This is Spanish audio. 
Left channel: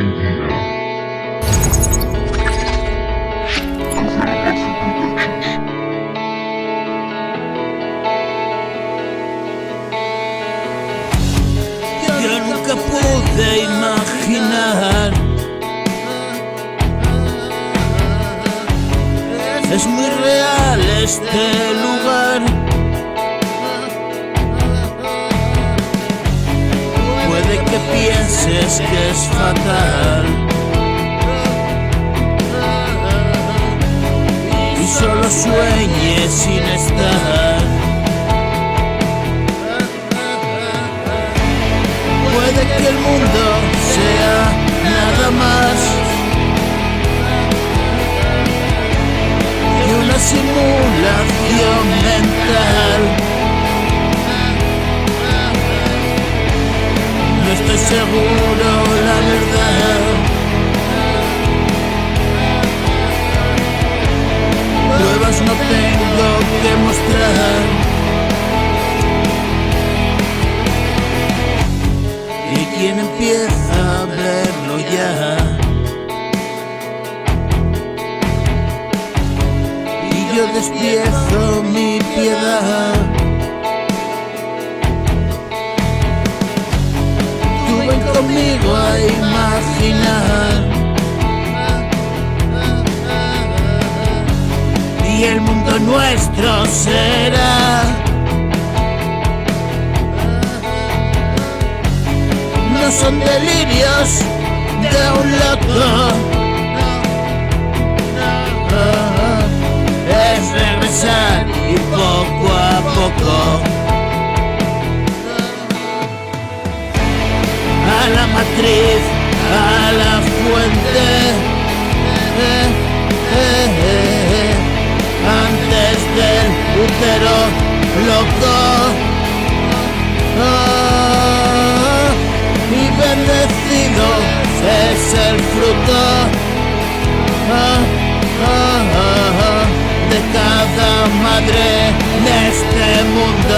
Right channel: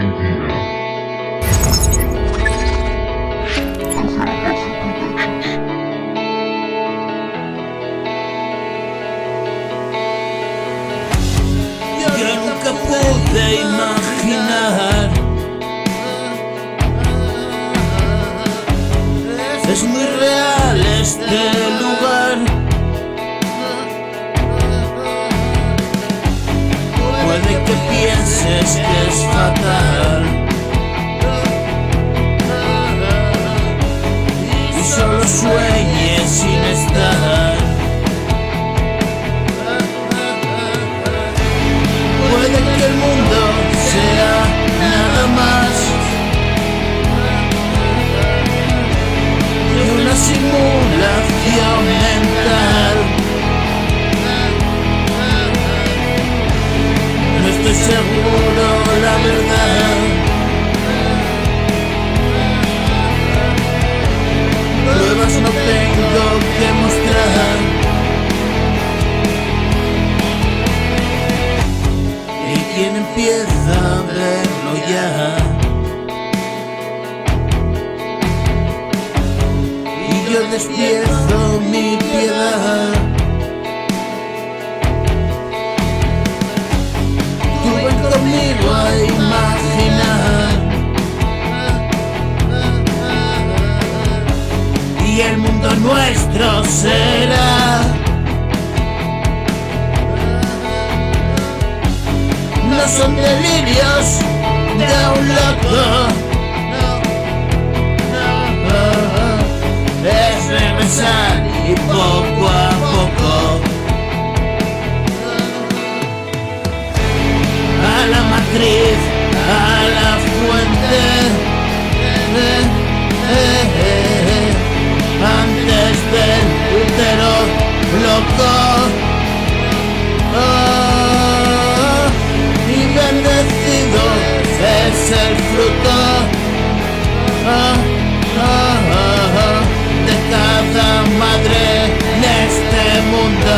Argentina. Galaxy Productions. Yo nunca pude imaginar. Es muy real este lugar. Puede que pienses que es fatal y solo sueñes sin estar. Puede que el mundo sea nada más que una simulación mental. No estoy seguro, la verdad. Pruebas no tengo que mostrar. Y quien empieza a verlo ya, y yo despierto mi piedad. Tú ven conmigo a imaginar, y el mundo nuestro será no son delirios de un loco, es regresar y poco a poco a la matriz, a la fuente, antes del útero loco. Y bendecido es el fruto de cada madre de este mundo.